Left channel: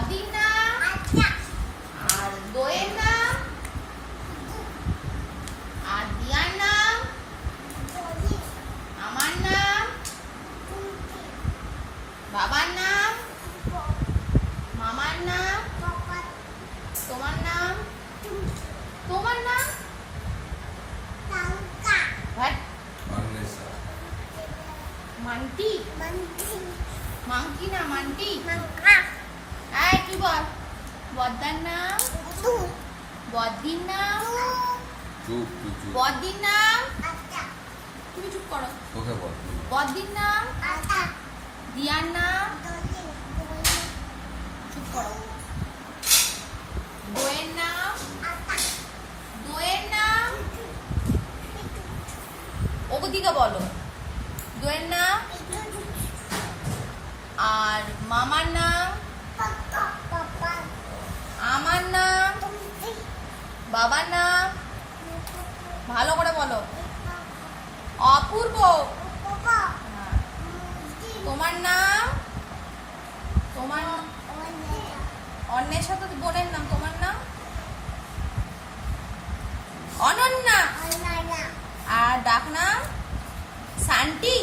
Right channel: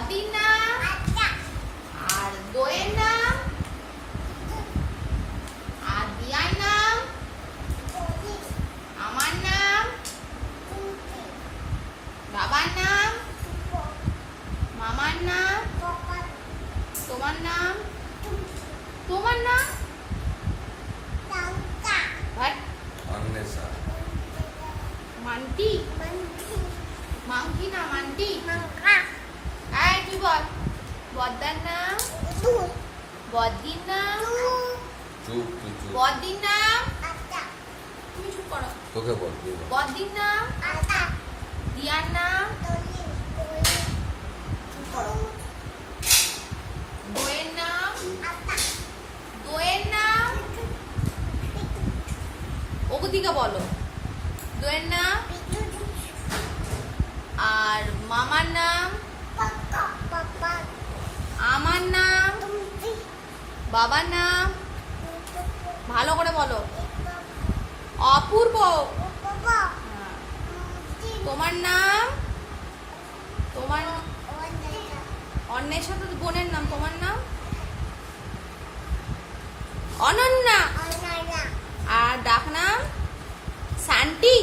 বদির নাম আর দোয়ের নাম আর দিয়ার নাম আমার নাম বাবার নাম মামার নাম তোমার নাম তোমার নাম মান্টি মাংকি না মান্টি আয় কি বল বদ্দার নাম বদ্দির নাম বদ্দির নাম তুমি চুপ করো বদ্দির নাম দিয়ার নাম চুপ করো দোয়ের নাম দোয়ের নাম ওদিকে বলো দোয়ের নাম আর মামার নাম আমার নাম বাবার নাম ভালো করে বলো অপূর্ব তোমার নাম তোমার অন্বেষা তো বোনের নাম তোমার নাম অনন্যা আর ডাক নাম শান্তি